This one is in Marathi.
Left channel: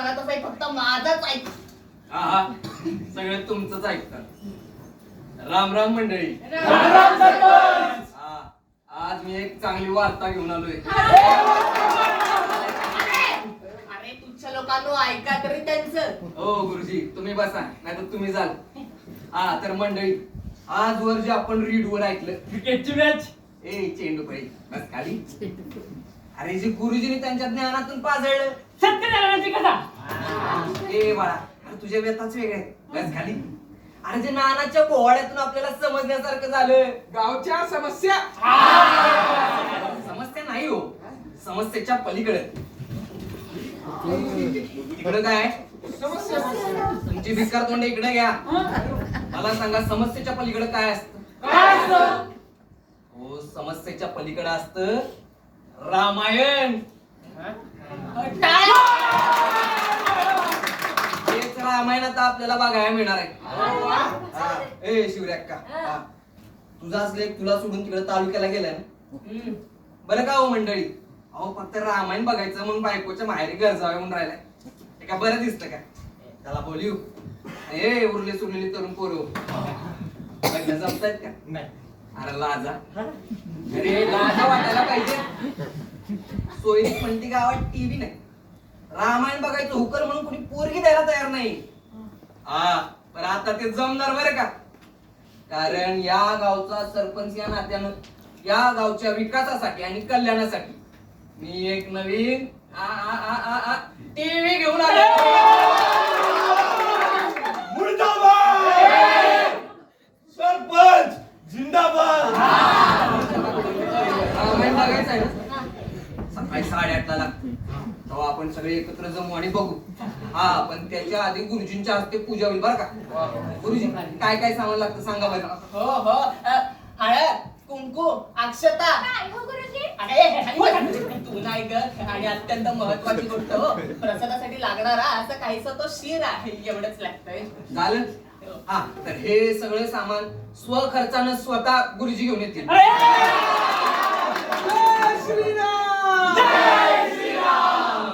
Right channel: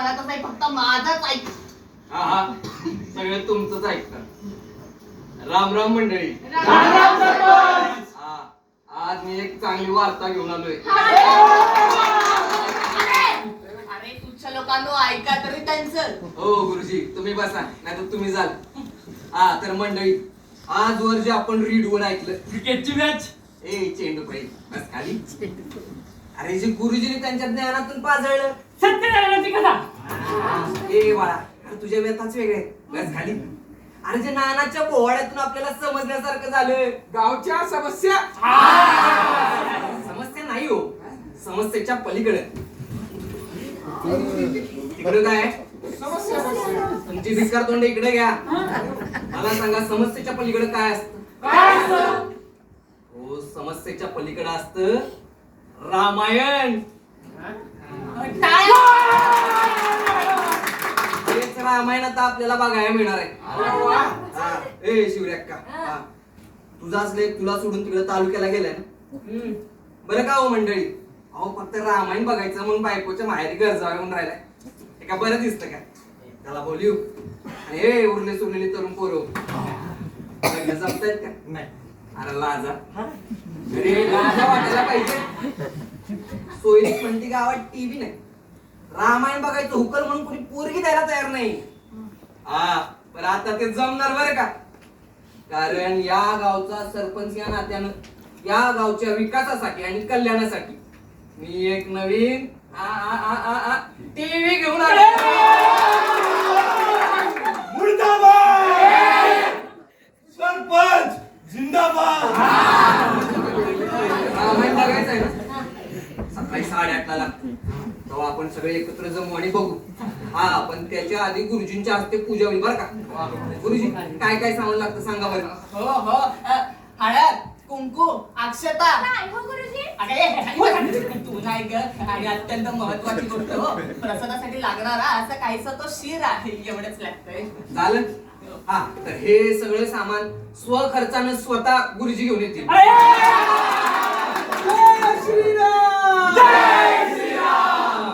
म्हणतच नाही, फक्त माझाच ऐक. हा हा, सगळं तुमचंच ऐकतात. राम राम मंडळी. राम राम सरपंच. हा, आज मी एक चांगली वार्ता घेऊन आलोय. अरे तुझ्या लोकांनो ऐका तरी त्यांचं. हो गुरुजी, तुम्ही बसा, नाही तर तुम्ही जाल. हा तर मंडळी, आजवर जे आपण रीडवर ऐकलं, क्रिकेटची मॅच. ए चेंडू पाहिजे बस खाली. अरे जे गुरुजीने त्यांच्या ज्ञानातून पाजळलं, सत्यनारायणाची कथा. ए बाळा, अरे तुझ्या व्यथाच वेगळे, बस खाली. अरे जे नानाच्या पोवाड्यातून आपल्याला समजण्यासारखं झालं, गावच्या समस्या. समस्या नाही हो, समस्येच्या पलीकडे. तिकडे काय समस्या? तुमची भिकार तोंड इकडे घ्या. मला सांगा, समस्येच्या पलीकडे काय असतं? हो, समस्येच्या पलीकडे असतं रामायण. हेच रामायण आता आपल्याला बघायला मिळणार आहे. ए शिवऱ्याक्का, तुझाच लेख तुला सोडून तिकडे तालुक्याला गेलाय ना? बरं का हो मंडळी, अहो फक्त रामायण बघायचं म्हणून बायकोच्या माहेरी गरजावे म्हणून राहिलाय. हे का बरं दिसतं का? त्याला बोलू. ए उरले सुरलेली तरुण पोरं, लग्न जमतायत का? नाही. अरे लाजा, अरे लाजा वाटायला पाहिजे. सोयरी म्हणती गावात टीव्ही नाही, रामायण बघायचं हुकल म्हणून कोणी पोरगी द्यायला तयार नाही. हा पण आता ते जमणार बरं का, कारण या गावचा सरपंच या नात्यानं या गावच्या विकासासाठी आणि कल्याणासाठी मी एक नवीन टीव्ही घेऊन आलो. मुर्दाबाद. सरपंच जिंदाबाद. रामायण बघायचं आहे ना, सकाळी 8:30 लागतो, तेव्हा आपण सगळे एकत्र जमू आणि बघू. हा पण त्याच्या आधी गुरुजींच्या हस्ते पूजा होईल बरं का. गुरुजी काय काय सामान लागतं सांगा बरं. हो हो, हळद, कुंकू, अक्षता. अरे तू नाही ग, आणि अत्यंत महत्वाची गोष्ट हो, प्रसादासाठी लागणारा असं काहीसा तो शिर आहे, एवढंच लागतंय. झालं. हा तर हे सगळं सामान स्वखर्चानं स्वतः गुरुजी घेऊन येतील. जय श्रीराम. जय श्रीराम.